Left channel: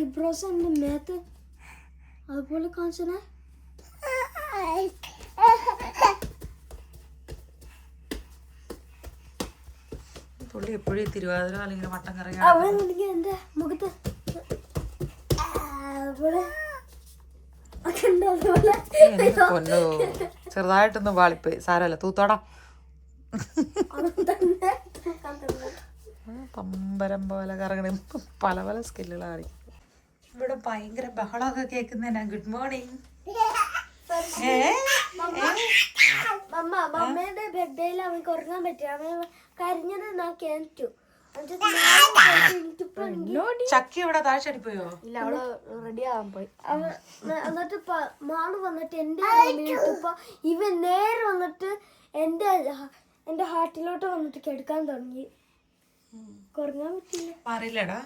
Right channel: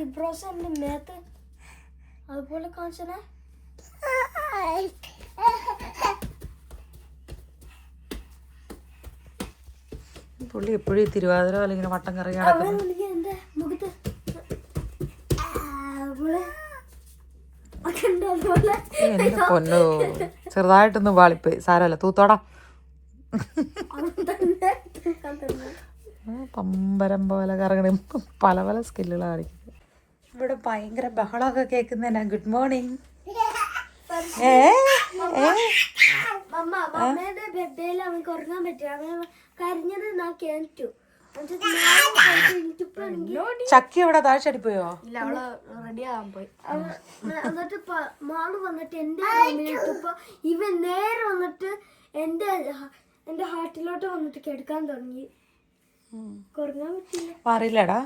Eyebrows ഉണ്ട് മേത്ത് അതുപോലെ കാണിച്ചേ. പുള്ളി എപ്പോഴും തിരുവാതിര അല്ലെങ്കിൽ വട്ടം കറങ്ങി എന്റെ മുഖത്ത് പൊന്നോ ചെറുതായിട്ടൊന്നും വാളിപ്പോയി. സാരമല്ല, തൂത്തോടാ. പമ്പരം പോലെ കറങ്ങണ പല പല സ്കില്ലുകളാണ് കാണിക്കുന്നത്. ഇവിടെ ഭയങ്കര ബഹളമൊക്കെ കേൾക്കുന്നതിനാ. Good morning. അമ്മയുടെ ബെഡേൽ അവർക്ക് ഉറങ്ങാൻ പറ്റില്ല. അവൻ കരഞ്ഞത് ഞാൻ കേട്ടു. ചക്കി ഇവിടെ താഴ്ചടിപ്പോയോ? ഇല്ല, അവള് റെഡി ആവാൻ പോയി. എന്നിട്ട് മാള് വന്നിട്ട് എന്റെ റൂമിലിട്ടപ്പോ ഇവൻ നേരെ വന്നിട്ട് എന്റെ ഹാർട്ടിലോട്ട് വന്നിട്ട് കിടക്കാൻ തുടങ്ങി. കുറങ്ങാൻ പറ്റില്ല. മാറിയില്ലടാ.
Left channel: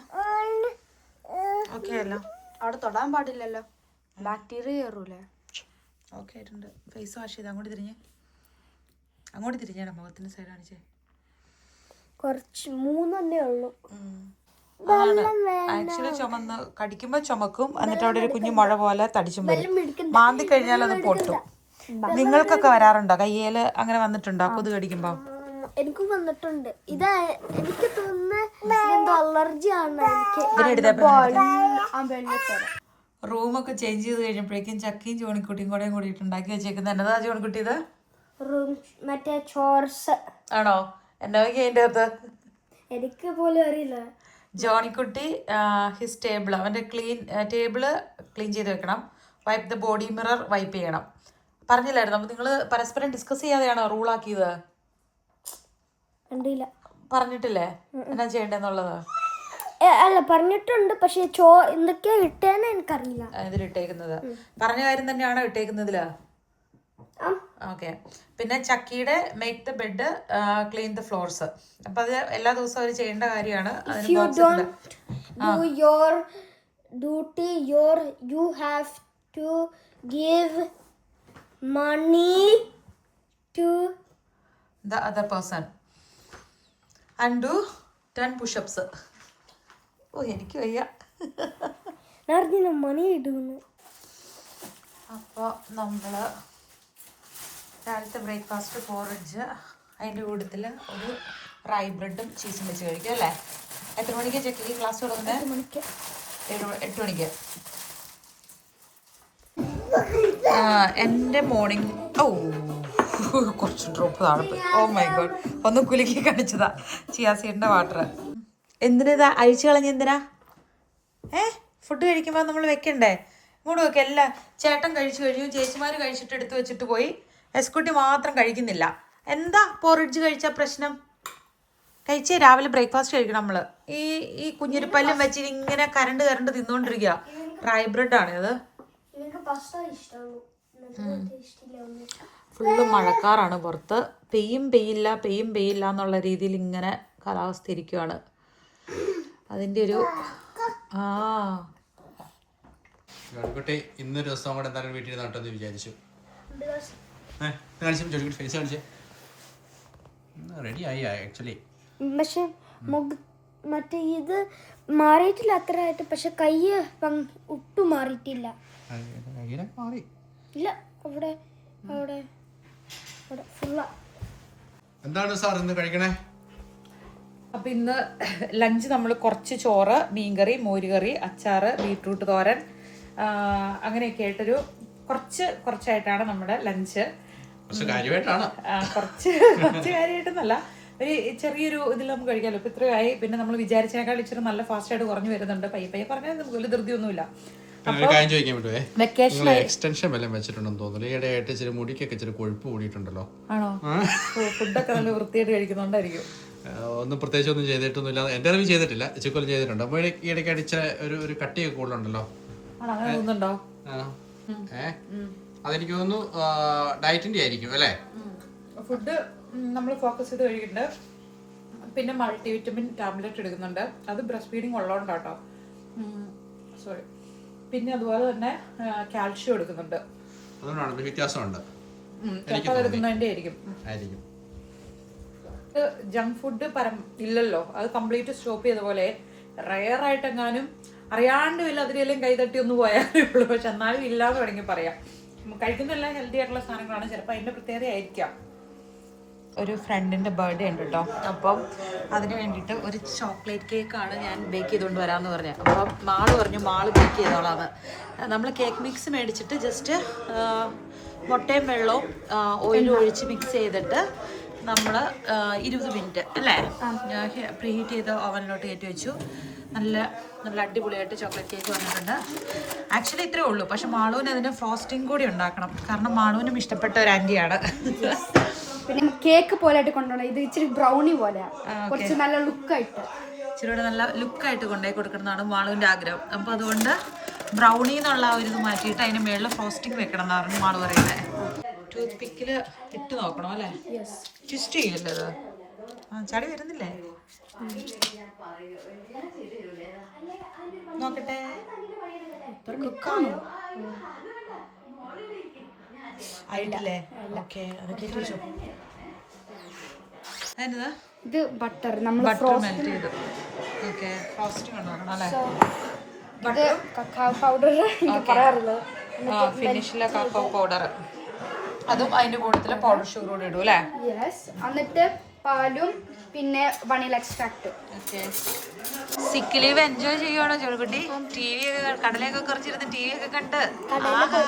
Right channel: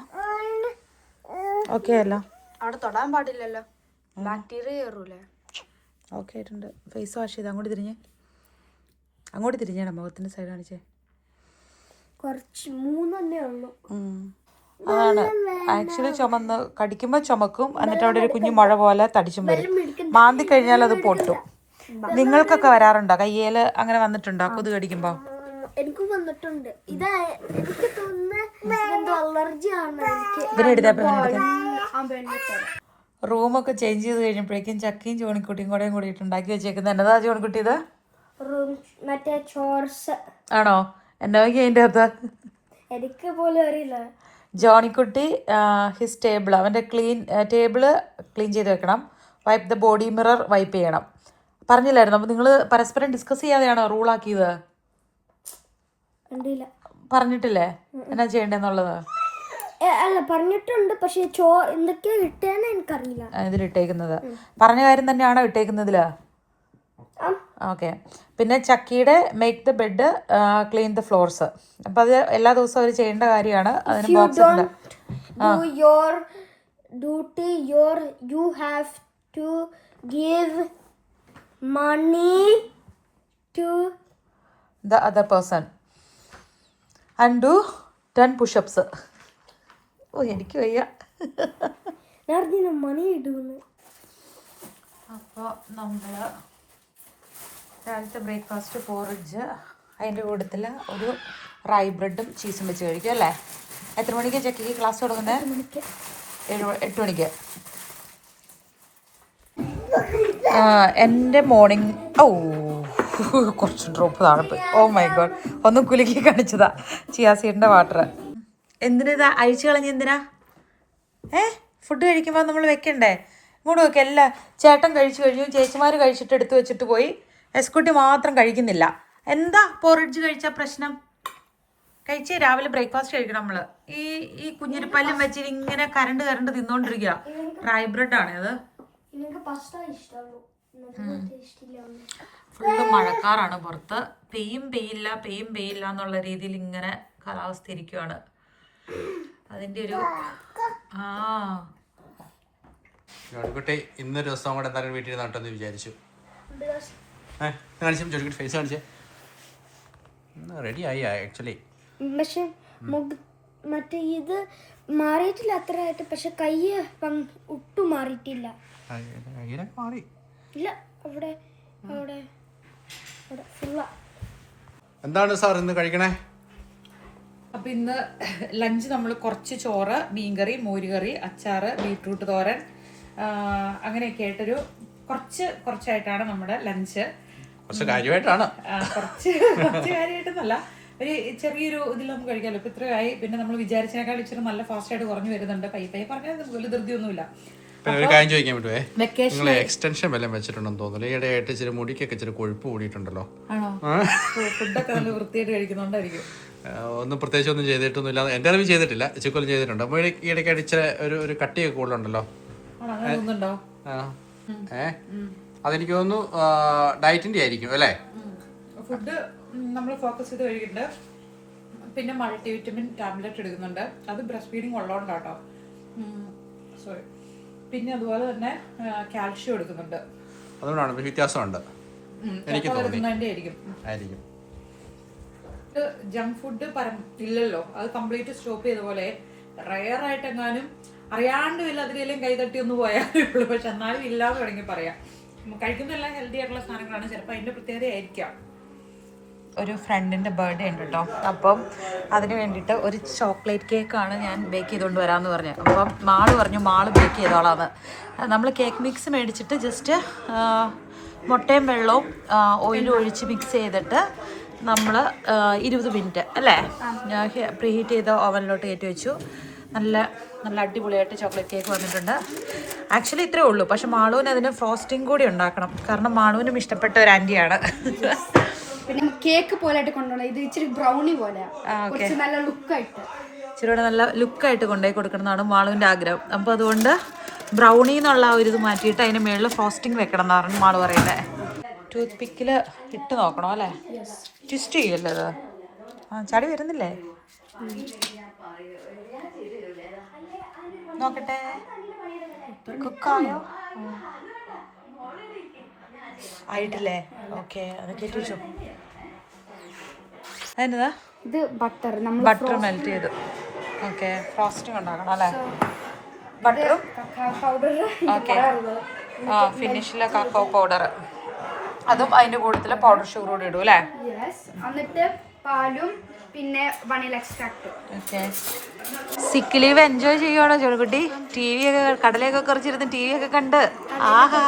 ഓക്കെ അല്ല, അവിടെ തൊടാൻ പാടില്ലല്ലോ, ബാക്ടീരിയ കയറൂലേ. ഓക്കെ ആയിട്ടുണ്ട്. ഫേസ് വാഷ് ചെയ്ത് അങ്ങോട്ട് തിരിഞ്ഞാണ് മുഖത്തിന്റെ സൈഡ് കാണിച്ചേ. കുറച്ച് 3 ഉള്ളൂ. അതാണ് ആക്ച്വലി ചുമന്ന് കടിക്കുമ്പോ ചുമക്കും, എന്നിട്ട് അവിടെ ഒരു കുഞ്ഞു മുഴ പോലെ തടിച്ചും വരും. മാന്തി കഴിഞ്ഞാൽ അത് പൊട്ടും. നിങ്ങൾക്കൊക്കെ വരാറുണ്ടോ? കയ്യേല് അങ്ങനെ വന്നിട്ടുണ്ടോ കൊതു കടിക്കുമ്പോ? എനിക്കും വന്നിട്ടുണ്ട്. ഇത് എനിക്ക് തോന്നുന്നു അലർജി ആണ്. റൂമൊക്കെ ചേഞ്ച് ചെയ്ത് കഴിഞ്ഞപ്പോഴേക്കും ചക്കയും ചോണിക്കുട്ടിയും കൂടെ കൂടിയിട്ട് ഉണ്ടാക്കി വെച്ചേക്കുന്നത്. എന്നതാ ചോണിക്കുട്ടി? ഇത് മറ്റേ ചോർസ് ആണോ? എന്നാ അതിന്റെ അകത്ത് എനിക്ക് പോലും അറിയില്ല. ജോണിക്കുട്ടി ഹിസ് ടേബിൾ, അവൻ്റെ ടേബിള് ക്ലീൻ ചെയ്ത് വെക്കണം. Wipe the body mirror wipe ചെയ്യണം. പറഞ്ഞില്ലായിരുന്നു? അപ്പോൾ നിങ്ങൾ പരസ്പരം ഡിസ്കസ് ചെയ്യാതെയാണോ റൂളാക്കിയത്? പറഞ്ഞിട്ടില്ലേ എന്നാ ചെയ്യണ്ടെന്നുള്ളത്? അല്ല, പറഞ്ഞിട്ടുണ്ട്. പക്ഷെ എന്തൊക്കെയാ ഇട്ടേന്ന് എനിക്കറിയില്ല. ഇതിലിട്ടേക്കുന്നത് പറഞ്ഞ കാര്യം തന്നെയാണോ ഇട്ടേക്കുന്നതില്? ഓക്കെ. പിന്നെ ചക്കിയുടെ make the bed, clean the floors. അപ്പം അത് എല്ലാ ദിവസവും അവർ ചെയ്യേണ്ട കാര്യമാണ്. അതിന് ബോക്സ് ഉണ്ട്. You have to give money to the other person and do 10 push-ups. ഓ, എനിക്ക് വയ്യ. മണി ഇടുന്നു. അപ്പോൾ നമ്മൾ രാവിലത്തെ ബ്രേക്ക്ഫാസ്റ്റ് പോറിഡ്ജ്, അതിൻ്റെ കൂട്ടത്തിൽ ഒരു റൈ ബ്രെഡും ചീസും വെച്ച് കഴിക്കും അല്ലേ? എത്ര മണിക്ക് ചെക്കിക്ക് ക്ലാസ് തുടങ്ങുന്നത്? 8 മണിക്ക്. എൻ്റെ മോർണിംഗ് കുറച്ച് ഡ്രോപ്പ് താഴെ പോയി. ഓ മൈ ഗോഡ്, ഒന്ന് കുലുക്കി കാണിച്ചതാ ചിയാസീഡിൻ്റെ വാട്ടർ. എന്തിനാ അഴിച്ചു കളഞ്ഞ? എന്തിനാ? ഫുഡ് കഴിക്കുമ്പോൾ നമ്മൾ വെക്കണ്ടേ? ഇങ്ങോട്ട് വെക്കുക. എല്ലാം ചേട്ടൻ കഴിച്ചു കഴിഞ്ഞു, ചേച്ചിമാർ കഴിച്ചിട്ട് എടുത്തു വെച്ചിട്ട് പോയി. എസ്കുട്ടി മാത്രം കഴിക്കുന്നില്ല. എന്താ പോറിഡ്ജ് കഴിച്ച പ്രശ്നം? കഴിച്ച് രാവിലെ ബ്രേക്ക്ഫാസ്റ്റ് കഴിക്കണം നമ്മൾ. ഈ കുഞ്ഞിരിപ്പല്ലും വെച്ച് ഇങ്ങനെ കരണ്ട് തിന്നോണ്ടിരിക്കുക. ഡ്രൈ ബ്രെഡാണ് അത്. ഫുള്ള് മഴക്കാറാണ് പുറത്ത്. പെയ്യില്ല എന്നുള്ള രീതിയിൽ ഇങ്ങനെ കാലാവസ്ഥ ഇരിക്കുവാണ്. അതിൻ്റെ ഒരു ജോണിക്കുട്ടി ഇന്നൊരു ദിവസം കൂടെ എന്തായാലും വീട്ടിൽ നട്ടെന്ന് വിചാരിച്ചു. കാണിച്ചു ജോണിക്കുട്ടി ഫേസ് കാണിച്ചേ. റെഡി ആയി ആക്ച്വലി. പക്ഷെ മറ്റേ ഇത് മാറിയിട്ടില്ല അത്രയായിട്ട്. പക്ഷെ കൈ ഒട്ടും മാറിയിട്ടില്ല. മാറി ഇല്ല, അവിടെ ഫുള്ളാ. എന്താണ് സാർ ഇന്ന് കഴിക്കണേ? അപ്പം ഇന്ന് ലഞ്ച് നമ്മൾ കുറച്ച് ചോറ്, മീൻകറി, മോരുകറി, അച്ചാറ്, ബീട്രൂട്ട് തോരൻ, അങ്ങനെയൊക്കെ ആയിട്ടൊരു കുറച്ചായിട്ടാണ് നമ്മുടെ ലഞ്ച്. കുറച്ച് കാര്യമായിട്ടാണ്. കുറച്ച് കാര്യമായിട്ടൊന്നല്ല, ഒരു ചെറിയൊരു ഇതിൽ നമുക്ക് കഴിക്കാമല്ലോ. ഇപ്പം ഇത്രയായി. പിന്നെ നമ്മൾ വിചാരിച്ചതിനേക്കാൾ ഇച്ചിരി നല്ല ഫാസ്റ്റായിട്ട് കുറഞ്ഞു വരുന്നുണ്ട്. പയ്യെ പറഞ്ഞാൽ നമുക്ക് വലിയ ധൃതിയൊന്നുമില്ല. ഒരു കാര്യം ചോദിക്കാൻ പറ്റുമേ, നിങ്ങൾ എക്സ്റ്റൻഷൻ വല്ലതും വെച്ചിട്ടുണ്ടെന്ന് തോന്നുന്നു. ഈയിടെയായിട്ട് ഇച്ചിരി മുടിക്കൊക്കെ ഇച്ചിരി കൊഴുപ്പ് കൂടിയിട്ടുണ്ടല്ലോ. ആണോ? ഫുഡൊക്കെ നല്ല വൃത്തിയായിട്ട് കഴിക്കുന്നുണ്ടായിരിക്കും. ഒന്നും പ്രത്യേകിച്ച് ഒന്നും ചെയ്തിട്ടൊന്നുമില്ല. എൻ്റെ അറിവ് ചെയ്തിട്ടില്ല, ചിക്കൊല്ലം ചെയ്തിട്ടുണ്ട്. അപ്പോൾ ഈയിടയ്ക്കായിട്ട് ഇച്ചിരി ഒരു കട്ടിയൊക്കെ കൂടുതലുണ്ടല്ലോ. അതെനിക്ക് തോന്നുന്നു ഡയറ്റിന്റെ ആയിരിക്കും അല്ലേ? ഫുഡ് നമ്മൾ ഫോക്കസ് ചെയ്ത് കഴിക്കുന്നുണ്ട്. പിന്നെ മൾട്ടിവിറ്റമിൻ ടാബ്ലറ്റ് എടുക്കുന്നുണ്ട്. അത് ബ്രസ്റ്റ് ഫീഡിങ് ഉള്ളതുകൊണ്ടാട്ടോ. സോറി. പിന്നെ അതുപോലെ തന്നെ കാൽഷ്യം എടുക്കുന്നുണ്ട്. അതുകൊണ്ടാണ് വ്യത്യാസമുണ്ട്. ആയിരിക്കും. ജങ്ക് ഫുഡ് ഇല്ലല്ലോ, അത് കംപ്ലീറ്റ് സ്റ്റോപ്പ് ചെയ്ത പോലെ. റെയർ ആയിട്ടെങ്ങാനും അറിയാണ്ടും ഇല്ല അതിലെല്ലാം കൈതട്ടി ഒന്ന് പോയാലേ ഉള്ളൂ. പക്ഷെ എന്നാലും ഇല്ലാന്ന് വേണമെങ്കിൽ പറയാം. കഴിക്കുന്നതെല്ലാം ഹെൽത്തി ആയിട്ടുള്ള സാധനങ്ങളാണ്. ചിലപ്പോൾ അതിൻ്റെ പ്രത്യേകത ആയിരിക്കാം. ഒരു ഫ്രണ്ടിൻ്റെ ബർത്ത്ഡേ ഉണ്ട് കേട്ടോ. അപ്പം അതിന് വേണ്ടിയിട്ട് ഒരു ചോക്ലേറ്റ് കേക്കാണ് ഞാൻ ബേക്ക് ചെയ്തുകൊണ്ട് വരാമെന്ന് പറഞ്ഞത്. അപ്പം മാള് പറഞ്ഞു മാള് ബേക്ക് ചെയ്തോളാന്ന്. നമ്മൾ കേക്ക് മിക്സ് മേടിച്ചിട്ട് ജസ്റ്റ് മുട്ടയും വെള്ളവും ഓയിലും ഒഴിച്ച് മിക്സ് ചെയ്തിട്ട് നമ്മൾ 20 മിനിറ്റ് അല്ലേ പ്രീ ഹീറ്റ് ചെയ്ത ഓവനിലോട്ട് കയറ്റി വെച്ചു. നല്ല നല്ല അടിപൊളിയായിട്ട് ചോക്ലേറ്റ് കേക്ക് വന്നിട്ടുണ്ട്. ആക്ച്വലി ഇത്രയേ ഉള്ളൂ. പക്ഷെ മാളുവിന് അതിന് ഫ്രോസ്റ്റിംഗ് കൂടി ഉണ്ടാക്കണം. കാരണം മാളുവിനും ഇഷ്ടപ്പെട്ട ഒരു ആൻറ്റിയാണ്. പിന്നെ കേക്ക് പോലെ ആയിട്ട് കൊണ്ടുപോകണം. ഇത് ഇച്ചിരി ബ്രൗണി പോലെ കുറച്ച് നല്ല ലുക്കായിട്ട്, ഇച്ചിരിയുടെ നല്ല ലുക്കായിട്ട് കൊണ്ടുപോയി കൊടുക്കണമെന്നാണ് മാളുവിൻ്റെ ആഗ്രഹം. അപ്പോൾ അതുകൊണ്ട് ബ്രൗണി എന്നുള്ള ഒരു ഇത് മാറ്റിയിട്ട് അതിന് മുകളിൽ ഫ്രോസ്റ്റിംഗ് വെക്കണം എന്നാണ് മാള് പറയുന്നത്. ടൂത്ത് പിക്കിൽ ഇട്ട് നോക്കണം അല്ലേ? ട്വിസ്റ്റ് ചെയ്യല്ലേ അത്? ചാടി വരുന്നില്ലേ? നോക്കട്ടെ. കുക്കായോ ആയിട്ടില്ലേ? ഓക്കെ, അതൊക്കെ ചോദിച്ചോ. അതിനതാ ഇത് ബട്ടർ മെൽറ്റ് ചെയ്തു. ഓക്കെ, ഫ്രോസ്റ്റിംഗ് ഉണ്ടാക്കണം അല്ലേ? ബട്ടറും പൗഡർ ഫിനിഷിലെ കക്കോ പൗഡർ, അതും അതിന്റെ കൂട്ടത്തില് പൗഡർ ഷുഗർ കൂടെ ഇടും അല്ലേ? എന്നിട്ട് പാലും പിന്നെ vanilla extract. Sick leave enjoy ചെയ്യുവാണോ ജോണിക്കുട്ടി? ടി വി ഒക്കെ കടലൊക്കെ കുറച്ചിരുന്ന് ടി വി ഒക്കെ കണ്ട് ആഹാ.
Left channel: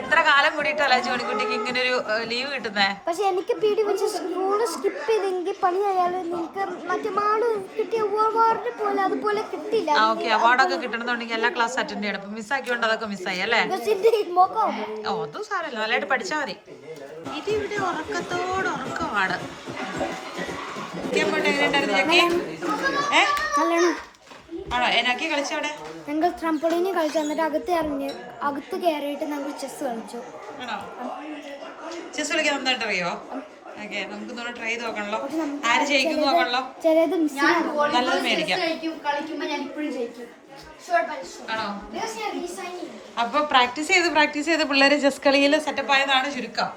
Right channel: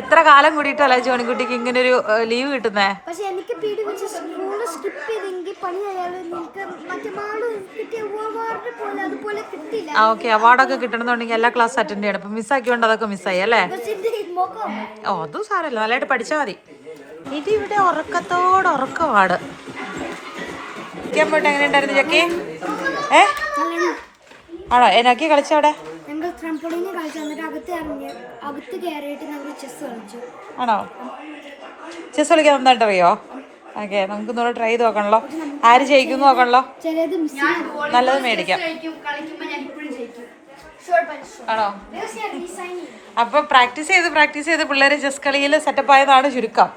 എത്ര കാലം കൂടിയിട്ടല്ലേ ജോണിക്കുട്ടിക്ക് ഇങ്ങനെ ഒരു ലീവ് കിട്ടുന്നേ? പക്ഷെ എനിക്ക് പേടി വെച്ച് സ്കൂള് സ്കിപ്പ് ചെയ്തെങ്കിൽ പണിയായാലും നിങ്ങൾക്ക് മറ്റേ മാള് കിട്ടിയ അവാർഡ് പോലെ അതുപോലെ കിട്ടില്ല. ഓക്കെ, അവാർഡൊക്കെ കിട്ടണമെന്നുണ്ടെങ്കിൽ എല്ലാ ക്ലാസ് അറ്റൻഡ് ചെയ്യണം. അപ്പൊ മിസ്സാക്കിയോണ്ട് അതൊക്കെ മിസ്സായി അല്ലേ? ഓ, അതും സാരല്ല, നല്ലതായിട്ട് പഠിച്ചാൽ മതി. ഇത് ഇവിടെ ഉറക്കത്തോട് ഉറക്കമാണ്. പോയിട്ട് എങ്ങനെ ഉണ്ടായിരുന്നു ചക്കി? ആണോ? എന്നൊക്കെ കളിച്ചവിടെ ഞങ്ങൾ ട്രംപോളിന് കളിച്ചു. എന്നിട്ട് അകത്ത് കയറിയിട്ട് ഞങ്ങൾ ചെസ് കളിച്ചു. ആണോ? ചെസ് കളിക്കാൻ നന്നായിട്ട് അറിയോ? ഓക്കെ, നമുക്ക് ഒന്നുകൂടെ ട്രൈ ചെയ്ത് നോക്കണല്ലോ. ആര് ജയിക്കും നോക്കണല്ലോ. ചിലത് നല്ലത് മേടിക്കാം. ആണോ? അപ്പൊ പ്രാക്ടീസ് ചെയ്ത് പിള്ളേര് ചെസ് കളിയിൽ സെറ്റപ്പ് ആയതാണ് ചുരുക്കം.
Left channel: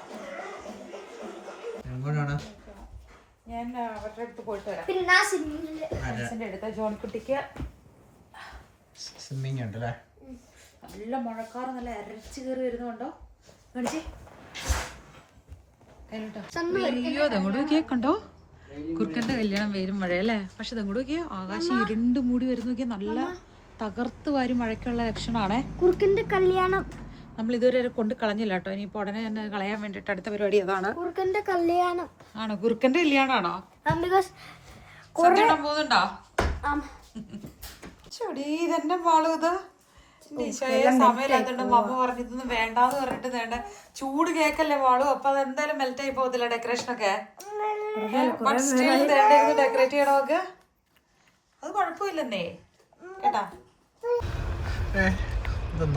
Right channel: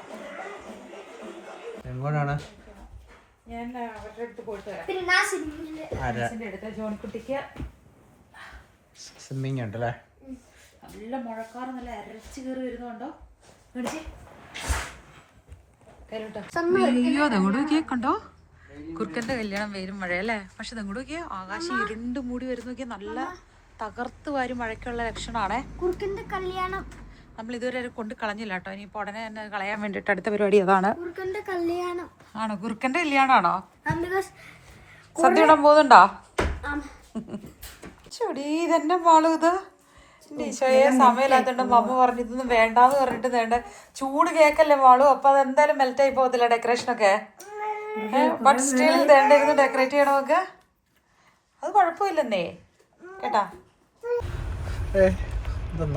ഞാൻ അവരുടെ അടുത്ത് പോയിട്ട് വരാം. അടുത്ത ജോണിക്കുട്ടിക്ക് സ്വിമ്മിങ് ഉണ്ടല്ലേ? നല്ല മഴക്കാറ് നല്ല അരച്ചു കയറി വരുന്നുണ്ടോ? അയ്യോ, ദങ്ങോട്ട് നോക്കിയേ, കണ്ടോ? കുറുക്കന്റെ കല്യാണം വെയിലും മഴയല്ലേ? പക്ഷെ ദങ്ങോട്ട് നോക്കിയേ, ആകാശം ഇരുണ്ട് മൂടി വരുന്ന നോക്കിയാൽ നല്ല തകർത്ത് വാരി മഴയ്ക്കുള്ള ലക്ഷണമാണേ. കുറുക്കന്റെ കല്യാണം നമ്മൾ ഇതുവരെ കൊണ്ട് കളഞ്ഞില്ല കേട്ടോ. ഇനിയിപ്പോ ഉടനെ തന്നെ കളയാൻ വേണ്ടിട്ട് അടുത്ത പരിപാടി അതാണ്. കുറുക്കന്റെ കല്യാണം ആണോ? കുറുക്കന്റെ കല്യാണമാണോ? സദ്യ ഇടാൻ പോകുന്നുണ്ടോ? ചെടി ഇതെന്നെ മാളു ഇത് സമയമില്ലാത്തോണ്ട് മമ്മ പറഞ്ഞിതൊന്നും വേണ്ടാന്ന് പറഞ്ഞിട്ട് വേണ്ട. ചൂട് കേക്കല്ലേ മാളു? അപ്പൊ അതെന്തായാലും മെൽറ്റ് ആയി പോകത്തില്ല ഡെക്കറേഷനൊക്കെ. ബട്ട് സ്റ്റിൽ വേണ്ടിരുന്ന് ഡെക്കറേറ്റ് ചെയ്യണമൊക്കെ അത് കുഴപ്പമില്ലെന്നേ കേട്ടാ.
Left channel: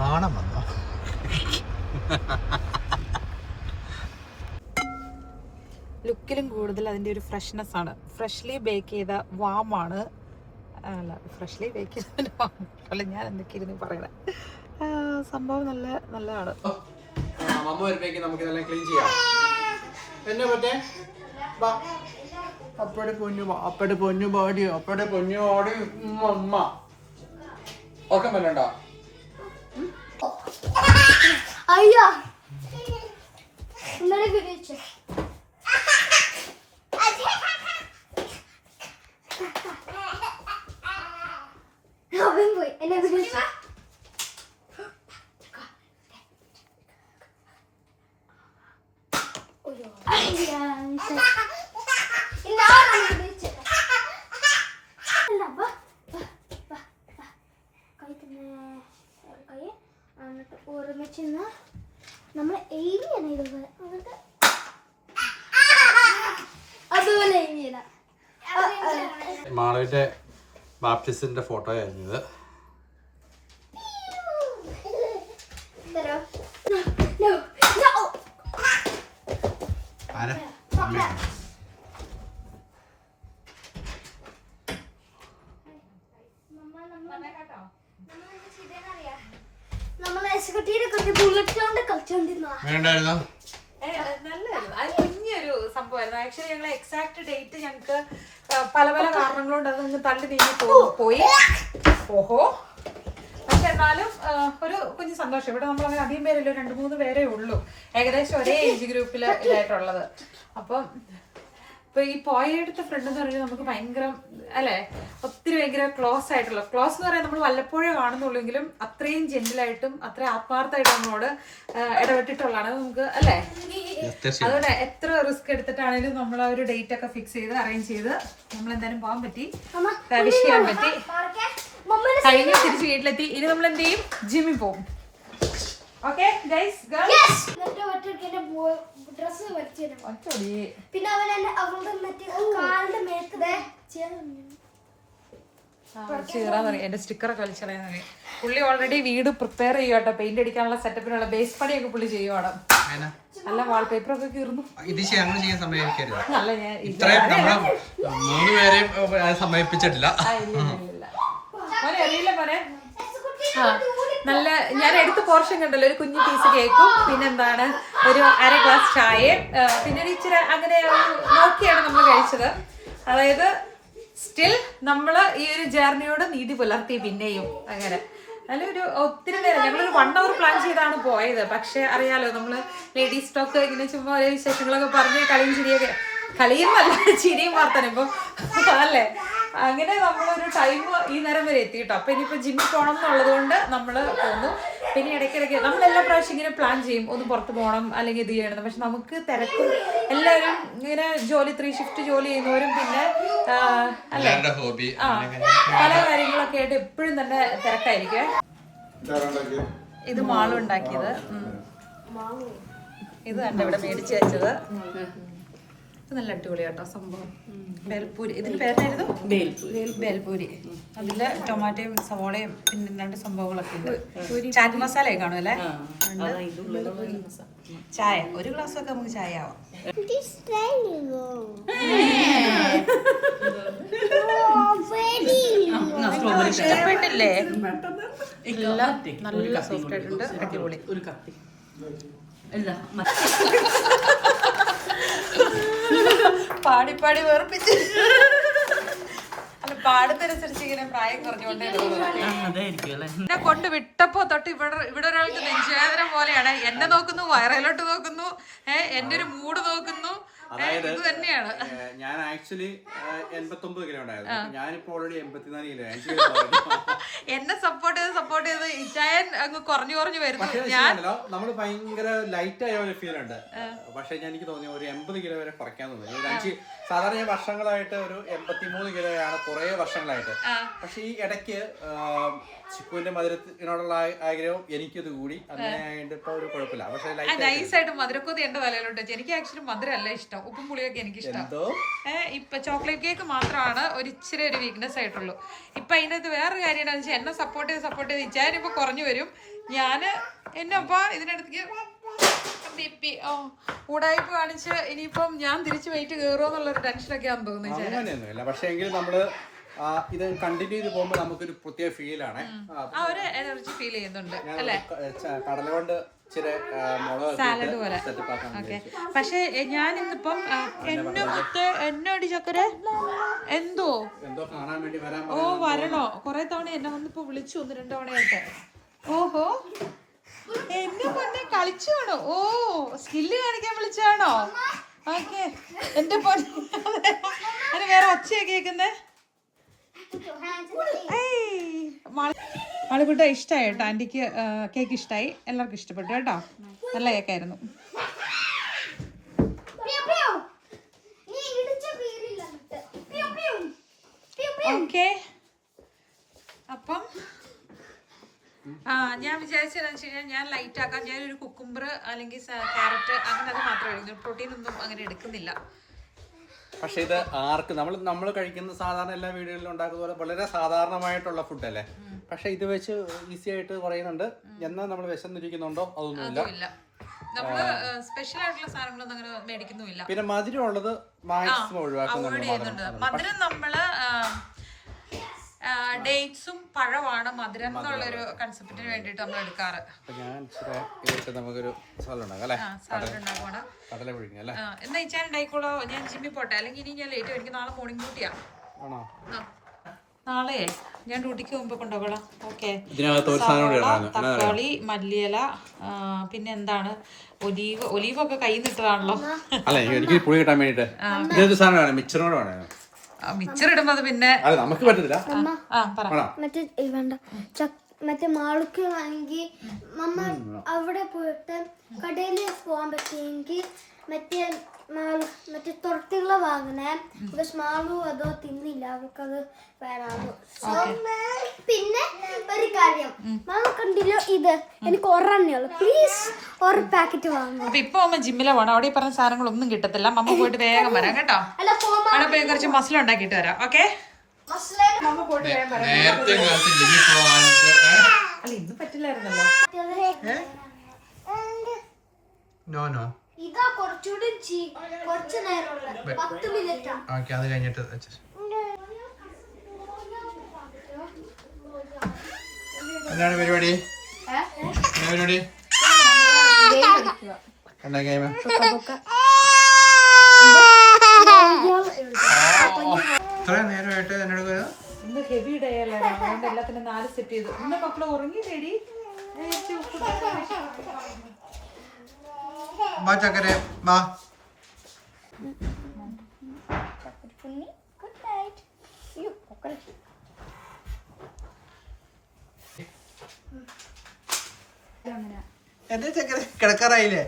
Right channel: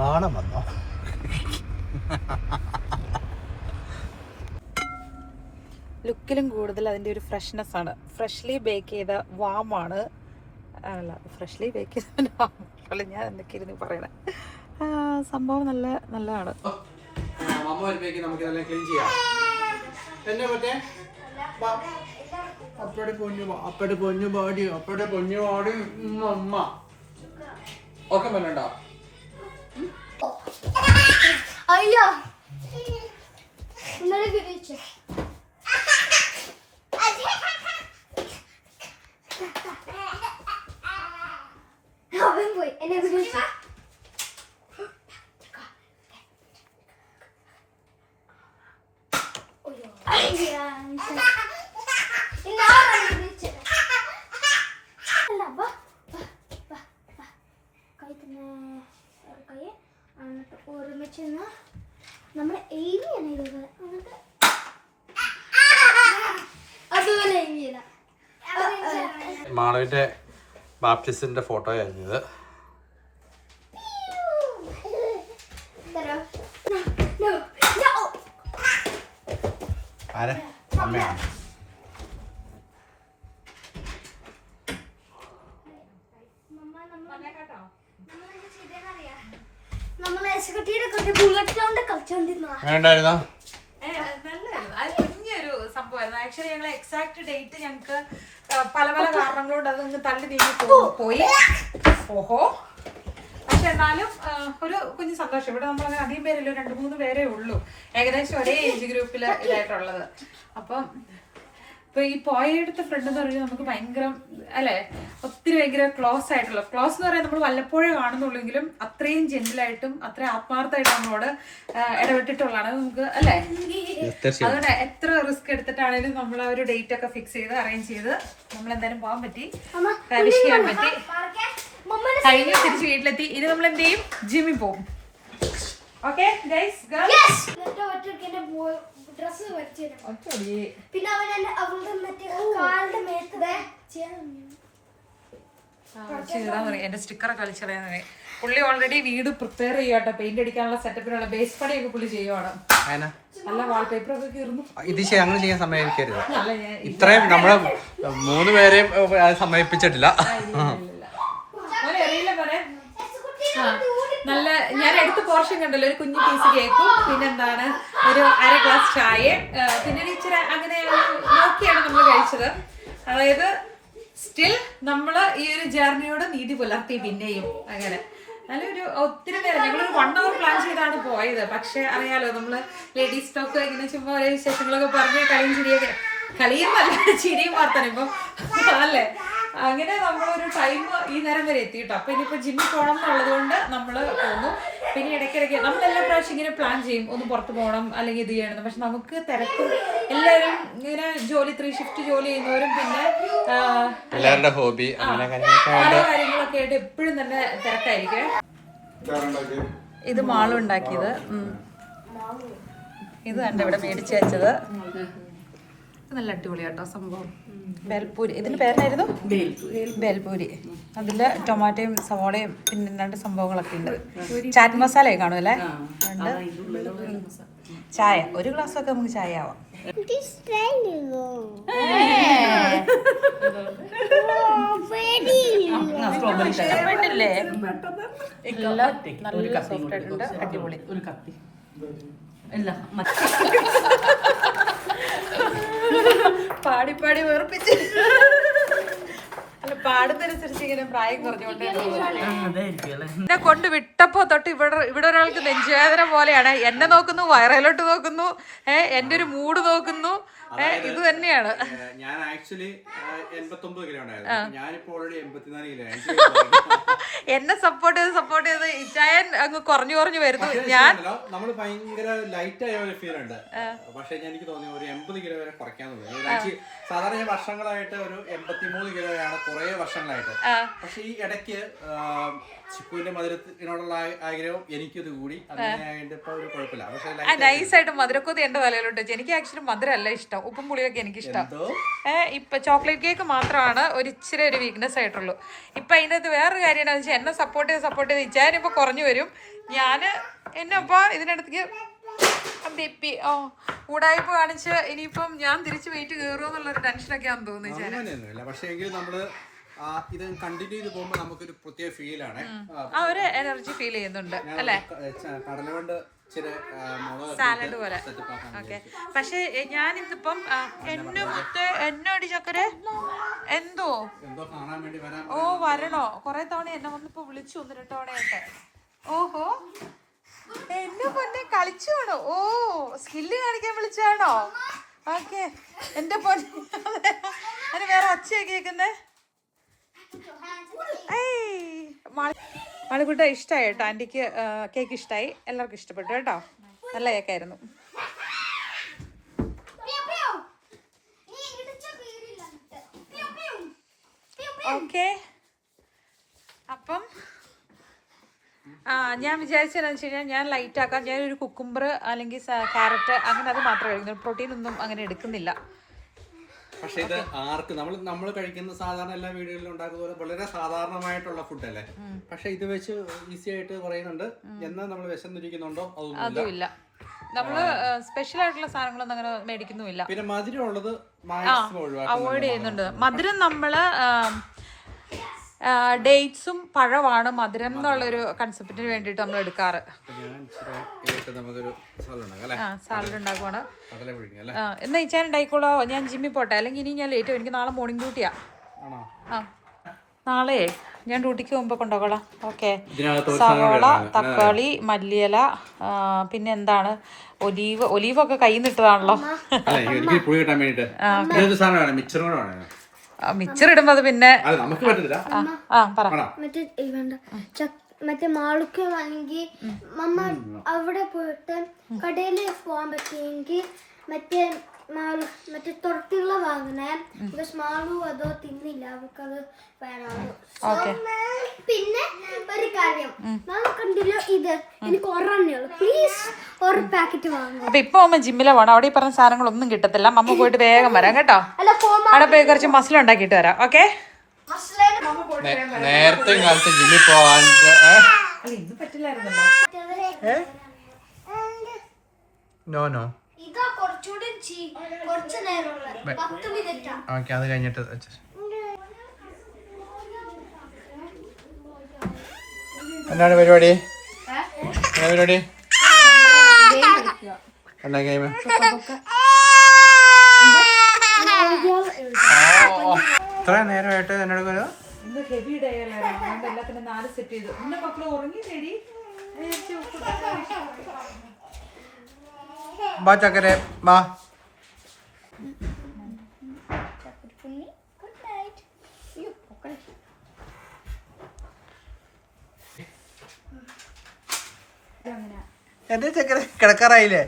നാണം വന്നോ? ലുക്കിലും കൂടുതൽ അതിൻ്റെ ഒരു ഫ്രഷ്നെസ് ആണ്. ഫ്രഷ്ലി ബേക്ക് ചെയ്ത വാമാണ്. അല്ല, ഫ്രഷ്ലി ബേക്ക് ചെയ്ത വാമല്ല, ഞാൻ എന്തൊക്കെ ഇരുന്ന് പറയണേ. സംഭവം നല്ലതാണ്. അയ്യോ, ഇന്നലെ വിളിച്ചു അവൻ പോയി എന്നെ വിളിച്ചു. ഒരുമിച്ച് നമ്മളെ എഴുതിയാണ് ഇതുപോലെ അതുപോലെ എഴുതിയില്ല. മാളവിന്റെ ബാപ്റ്റിസ്റ്റിന്റെ ഫോട്ടോ ആയിരുന്നു ഇത്. ആരാ? അമ്മയാണ്. വലിയൊരു സംഭവമായിരുന്നു. ആക്ച്വലി ഞങ്ങൾ എക്സാക്ട് ഡേറ്റ് ഞങ്ങൾക്ക് പല പല കാരണങ്ങളുണ്ട് അത് തള്ളി നീങ്ങി പോയി. ഓഹോ, എന്നാലും ഒരു കുഞ്ഞു സന്തോഷം. ഇവിടെ നമ്മൾ അങ്ങനെ അധികം പേരല്ലോ, 2-3 പേരേ ഉള്ളൂ ഏകദേശം ഒരേ ഏജ് ഗ്രൂപ്പിൽ ഇതായിട്ടുള്ളത്. അപ്പം ഇപ്പൊ ഈ പോയടുത്ത ഫ്രണ്ട് എന്ന് പറയുന്നത് നമുക്ക് ഭയങ്കര അല്ലെ, ഒത്തിരി ഭയങ്കര ക്ലോസ് എന്ന് പറയാൻ നമ്മൾ വല്ലപ്പോഴേ കാണുന്നുള്ളെങ്കിലും അത്രയും ജെന്റിലായിട്ടും അത്ര ആത്മാർത്ഥമായിട്ട് നമ്മളോട് ഇടപെട്ടിട്ടുള്ളതാണ് നമുക്ക് അല്ലെ. അതുകൊണ്ട് എത്ര റിസ്ക് എടുത്തിട്ടാണെങ്കിലും നമ്മൾ ആ ഒരു ഡേറ്റ് ഒക്കെ ഫിക്സ് ചെയ്ത് അറേഞ്ച് ചെയ്ത് നമ്മൾ എന്തായാലും പോകാൻ പറ്റി, വിഷ് ചെയ്യാൻ പറ്റി. കഴിഞ്ഞ തിരിച്ച് വീട്ടിലെത്തി. ഇനി നമ്മൾ എന്ത് ചെയ്യും, ജിമ്മിൽ പോകും. ഓക്കെ ഗൈസ്, പിന്നെ അവളുടെ കാലിന്റെ മേത്ത് എന്റെ സ്റ്റിക്കർ കളിച്ചളയാ. പുള്ളി ഓൾറെഡി വീട് പ്രിപ്പയർ ചെയ്യുവാട്ടോ, പെയിന്റ് അടിക്കാനുള്ള സെറ്റപ്പിനുള്ള ബേസ് പണിയൊക്കെ പുള്ളി ചെയ്യുവാണ്. നല്ല വാൾപേപ്പർ ഒക്കെ കീറുന്നു. ഇത് അങ്ങനെ ചെയ്യാൻ സമയമിക്കരുത്. ഇത്രയും നമ്മള് 3 പേരെയും സമയിപ്പിച്ചിട്ടില്ല. അറിയില്ല മോനെ. നല്ല ഞാൻ എടുത്ത പോർഷൻ കണ്ടല്ലോ, ഒരു കുഞ്ഞു പീസ് കേക്കും, പിന്നെന്താണ് ഒരു 1/2 ഗ്ലാസ് ചായ, പിന്നെ ഇച്ചിരി അങ്ങനെ നോക്കിയാണ് നമ്മൾ കഴിച്ചത്. അതായത് സ്റ്റിൽ നമ്മള് ഈ ഒരു ജേർണിയോട് നീതി പുലർത്തി പിന്നെയും അങ്ങനെ. നല്ലൊരു ഒത്തിരി നേരം ഞങ്ങളൊരു 1 hour പ്ലാൻ ചെയ്താണ് പോയത്. പക്ഷെ അറിയാലോ, നമ്മള് ലേഡീസ് ടോക്ക് ഇങ്ങനെ ചുമ്മാ ഓരോ വിശേഷങ്ങളൊക്കെ പറഞ്ഞ് കളിയുന്നല്ല ചിരിയും വാർത്തനും ഇപ്പൊ അല്ലേ. അങ്ങനെ നമ്മളൊരു ടൈം ഈ നേരം വരെ എത്തിയിട്ടോ. അപ്പൊ ഇനിയിപ്പോ ജിമ്മിൽ പോകണം എന്നുള്ളത് കൊണ്ട് നമ്മള് പോന്നു. പിന്നെ ഇടയ്ക്കിടയ്ക്ക് നമ്മളെല്ലാ പ്രാവശ്യം ഇങ്ങനെ പ്ലാൻ ചെയ്യും, ഒന്ന് പുറത്ത് പോകണം അല്ലെങ്കിൽ ഇത് ചെയ്യണം. പക്ഷെ നമുക്ക് തിരക്കും, എല്ലാവരും ഇങ്ങനെ 3 ഷിഫ്റ്റ് ജോലി ചെയ്യുന്നവരും പിന്നെ ഹോബി പല കാര്യങ്ങളൊക്കെ ആയിട്ട് എപ്പോഴും തന്നെ തിരക്കായിരിക്കും. ഇത് മാളും ഉണ്ടാക്കിയത്, ഇത് കണ്ട ഇവിടെ മേടിച്ചു വെച്ചത്. ഇത് നല്ല അടിപൊളിയാട്ടോ സംഭവം. ബേൽപൂരി, ഇതിന്റെ പേരായിരുന്നു ബേൽപൂരി. അതില് ടൊമാറ്റോയും സവോളയും പിന്നെ 2 സംഭവങ്ങളൊക്കെ ഉണ്ട്. ചാറ്റ് മസാലയൊക്കെ കാണും അല്ലേ. ചായ 1 ഗ്ലാസ് ഒക്കെ നമുക്ക് ചായ ആവാം. ഇഷ്ടപ്പെട്ടില്ലേ? നല്ല സോഫ്റ്റ് ആയിട്ടുണ്ട്, അടിപൊളി. പാടി വേർപ്പിച്ച് അല്ല, പാടുന്നതനുസരിച്ച് ഇങ്ങനെ പ്രായം കുറഞ്ഞുകൊണ്ടേ എന്നെ കൊണ്ട് വിട്ടപ്പോ തൊട്ട് ഇവിടെ ഒരാൾക്ക് നെഞ്ചുവേദന പോലെയാണ്. എന്നെ നോക്കുന്നു, വയറയിലോട്ട് നോക്കുന്നു, എന്റെ ഒരു മൂഡ് നോക്കുന്നു. ഇത് തന്നെയാണ്. ഞാൻ ആക്ച്വലി 89 കിലോ ഉണ്ടായിരുന്നു. ഞാനിപ്പോ ഓൾറെഡി 84 കിലോ. എന്നെ സപ്പോർട്ട് ചെയ്ത് ഇച്ചായൻ അങ്ങ് കുറഞ്ഞു വരുന്നു. ഞാൻ നമ്മള് ഭയങ്കര ലൈറ്റ് ആയ ഒരു ഫീൽ ഉണ്ട്. പക്ഷെ എനിക്ക് തോന്നി ഒരു 80 കിലോ വരെ കുറയ്ക്കാൻ തോന്നി. സാധാരണ ഞാൻ വർഷങ്ങളായിട്ട് ഒരു 83 കിലോയാണ് കുറെ വർഷങ്ങളായിട്ട്. പക്ഷെ ഈ ഇടയ്ക്ക് ചിക്കുവിന്റെ മധുരത്തിനോടുള്ള ആഗ്രഹം എനിക്കത് കൂടി, അങ്ങനെ ഇപ്പൊ ഒരു കുഴപ്പമില്ല. പക്ഷെ നൈസായിട്ട് മധുരക്കൊതി എന്റെ തലയിലോട്ട്. എനിക്ക് ആക്ച്വലി മധുരം അല്ല ഇഷ്ടം, ഉപ്പും പുളിയൊക്കെ എനിക്ക് ഇഷ്ടം. ഇപ്പൊ ചോക്ലേറ്റ് കേക്ക് മാത്രമാണ് ഒരു ഇച്ചിരി ഒരു വീക്ക്നെസ് ആയിട്ടുള്ളൂ. ഇപ്പൊ അതിനകത്ത് വേറൊരു കാര്യം എന്താണെന്ന് വെച്ചാൽ എന്നെ സപ്പോർട്ട് ചെയ്ത് ഇച്ചാനിപ്പോ കുറഞ്ഞു വരും. ഞാന് എന്നപ്പോ ഇതിനടുത്തേക്ക് ഊടായ്പ കാണിച്ച് ഇനിയിപ്പം ഞാൻ തിരിച്ചു വെയിറ്റ് കയറുമോ എന്നുള്ളൊരു ടെൻഷനൊക്കെ ആണെന്ന് തോന്നുന്നു. അങ്ങനെയൊന്നുമില്ല. പക്ഷെ എങ്കിലും നമ്മള് ഇത് കണ്ടിന്യൂ ചെയ്ത് പോകുമ്പോൾ നമുക്കൊരു പ്രത്യേക ഫീലാണ്. ആ ഒരു എനർജി ഫീൽ ചെയ്യുന്നുണ്ട് അല്ലേ. കടല കൊണ്ട് സാലഡ് പോലെ. പക്ഷെ ഞാൻ ഇന്നിപ്പം എന്നോടി ചക്കര എന്തോ കാണാൻ വേണ്ടി വരണോ കൊറേ തവണ എന്നെ വന്നിപ്പോ വിളിച്ചു 1-2 തവണയായിട്ട്. ഓഹോ, എന്നെ പൊന്നെ കളിച്ചു വേണോ? ഓ, സ്കില്ല് കാണിക്കാൻ വിളിച്ചാണോ? ഓക്കെ എന്റെ പൊന്നെ. അതിന് വേറെ ഒച്ചയാ കേക്കുന്നേ. ആളുകൂട്ട ഇഷ്ടമായി കേട്ടോ. ആന്റിക്ക് കേക്ക് ഇഷ്ടമായി, എല്ലാവർക്കും ഇഷ്ടപ്പെട്ടു കേട്ടോ. നല്ല കേക്കായിരുന്നു. ഓക്കെ, അപ്പം ഞാൻ വിചാരിച്ചതെന്ന് വെച്ച് കഴിഞ്ഞാൽ ഞാൻ ലൈറ്റ് ആക്കാം. ഞാനൊരു കുക്കുംബർ അല്ലെങ്കിൽ ക്യാരറ്റ് അങ്ങനെ അത് മാത്രമേ കഴിക്കുന്നു. പ്രോട്ടീൻ ഒന്നും അങ്ങനെ എടുക്കുന്നില്ല. പക്ഷെ ഇത് ആർക്ക് നമ്മൾ കഴിക്കുന്ന സാധാരണ എല്ലാ വീടുകളിലും ഉണ്ടാക്കുന്ന പോലെ വളരെ സാധാരണമായിട്ടുള്ള ഫുഡല്ലേ. പക്ഷെ ഇത് വെച്ച് ഈസി ആയിട്ട് കുറയുന്നുണ്ട്. എന്നാൽ നമ്മൾ വിശന്നിരിക്കുന്നുണ്ടോ അതൊന്നുമില്ല. നമ്മള് സ്പെഷ്യൽ ആയിട്ടുള്ള സാധനങ്ങളൊന്നും അങ്ങനെ മേടിക്കുന്നുമില്ല. പിന്നെ മധുരം ഉള്ളത് മാക്സിമം അവോയ്ഡ് ചെയ്യുന്നുണ്ട്. മധുരം നമ്മള് ഡേറ്റ്സും പഴമാണ് മധുരം എന്നുള്ളൊരു കൺസെപ്റ്റിന് വേണ്ടിട്ട് നമ്മൾ എടുക്കാറ്. സാലഡ് ഉണ്ടാക്കുവാണ്. എന്നാ ഇച്ചാൻ ഉണ്ടായിക്കോളോ, ഞാൻ ജിമ്മിൽ പോട്ടെ, അല്ലെങ്കിൽ ഇനി ഞാൻ ലേറ്റ്. എനിക്ക് നാളെ മോർണിംഗ് ഡ്യൂട്ടിയാ. നാളെ ഞാൻ ഡ്യൂട്ടിക്ക് പോകുമ്പോ കൊണ്ടുപോകலாம். ഓക്കെ. ഇതിനകത്ത് ഒരു സവോള, തക്കാളി, മല്ലിയില, പിന്നെ എന്താണ് ഒലീവൊക്കെ കയ്യിൽ നിട്ടതാണല്ലോ. അല്ല എനിക്ക് പുളി കിട്ടാൻ വേണ്ടിട്ട് മിക്സർ കൂടെ വേണം. മിക്സർ ഇടുമ്പോ അത് പിന്നെ നമുക്ക് പറ്റത്തില്ല. പറ. മറ്റേ വേണ്ട മറ്റേ മാളുക്ക് വാങ്ങി മമ്മ അവിടെ പോയിട്ട് കടയിൽ പോകാൻ പറ്റിയെങ്കിൽ മറ്റേ തുറത്തിയുള്ള വാങ്ങണേ. ബിക്കോസ് മാളു അതോ തിന്നില്ല, അവർക്കത് വേണമാകും. പിന്നെ ഒരു കാര്യം മാളു കണ്ടില്ലോ, ഇത് എനിക്ക് ഒരെണ്ണയുള്ളൂ, പ്ലീസ് ഒരു പാക്കറ്റ് വാങ്ങും. അപ്പൊ ഇപ്പൊ അമ്മ ജിമ്മിലെ പോണം. അവിടെ ഈ പറഞ്ഞ സാധനങ്ങളൊന്നും കിട്ടത്തില്ല. മമ്മ പോയിട്ട് വേഗം വരാം കേട്ടോ. അവിടെ പോയി കുറച്ച് മസിൽ ഉണ്ടാക്കിയിട്ട് വരാം. ഓക്കെ. നേരത്തെ കാലത്ത് ജിമ്മിൽ പോവാൻ ഇന്ന് പറ്റില്ലായിരുന്നല്ലോ. നോ ഇതാ കുറച്ചുകൂടി കുറച്ച് നേരമുള്ള 10 മിനിറ്റ്. ഓക്കെ, അത് കഴിഞ്ഞിട്ട് എന്താണ് പരിപാടി? എന്താ ഗെയിം? ഇത്ര നേരമായിട്ട് എന്നോട് ഇന്ന് ഹെവി ഡേ അല്ല, അതുകൊണ്ട് എല്ലാത്തിനും 4 സെറ്റ് ചെയ്തു. ഇന്ന് മക്കള് ഉറങ്ങി തേടി ബാ ചക്കരെ ബാ. എന്റെ ചക്കര കിടക്കാറായില്ലേ?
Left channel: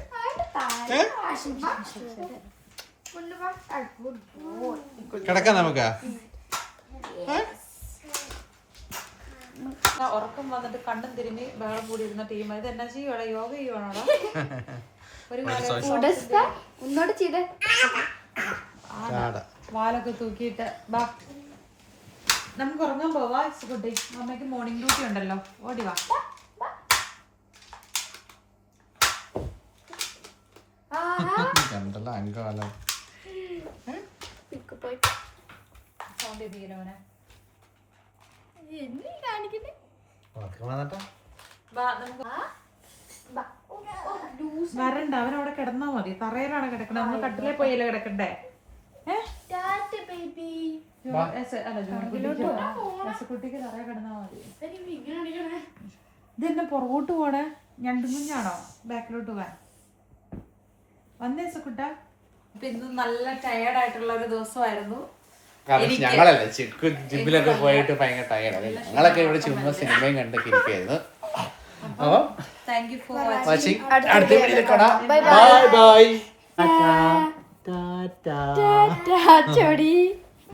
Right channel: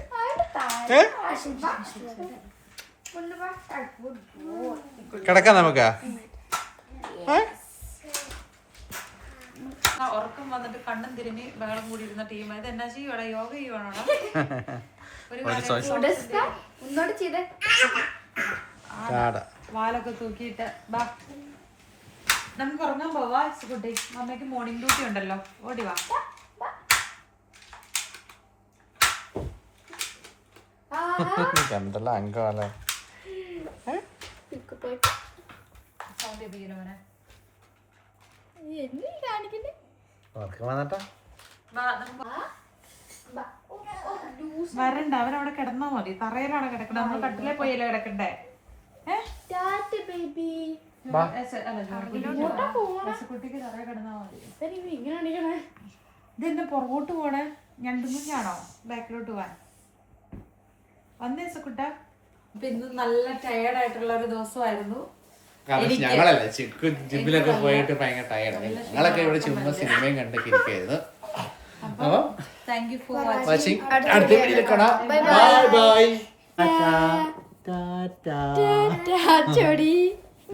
കിടക്കാം നമുക്ക്. ഉറക്കം വന്നിട്ട് കണ്ണും തിരുമ്മി ബഹളം കൂടി ഇരുന്ന ടീം. ഇത് എന്നാ ചെയ്യുവാണോ? യോഗ ചെയ്യുവാണോ? വാലൊക്കെ തൂക്കിയിട്ട് നമുക്ക് ഉറങ്ങാൻ പോവാ. കുട്ടി അമ്മയ്ക്ക് മോർണിംഗ് ഡ്യൂട്ടി ഉണ്ടല്ലോ. ഓടി വാ. എന്തെല്ലാം അംഗമല്ലേ. വരണ്ട, അവനവിടെ കിടന്നാ മതി. തറയിലാണ് കിടക്കണേ. നമ്മൾ കട്ടിലെ പോയല്ലേ കിടക്കണ്ടേ? കുട്ടിക്ക് തറയെ കിടന്നാ മതി. ഇതെന്നെ പുറകോട്ട് പോണേ. ഞണ്ടുമുഞ്ഞാണോ ബാക്കിലോട്ട് പോവാൻ വന്നേ സക്കുട്ട? അപ്പൊ ഇന്ന് നല്ല ടയേർഡായിട്ടുള്ള ഒരു ദിവസമായിരുന്നു. ഞങ്ങളല്ലേ ജിമ്മിലൊക്കെ പോയിട്ട് ഭയങ്കര ടയേർഡ്. ഞങ്ങളൊക്കെ ഇവിടെ ചുമ്മാ സിനിമയും കണ്ടൊക്കെ ഇരിക്കുകയായിരുന്നു. അപ്പം താങ്ക് യു ഫോർ വാച്ചിങ്. അടുത്ത വീഡിയോയിൽ കാണാം. Bye bye. ടാറ്റാ.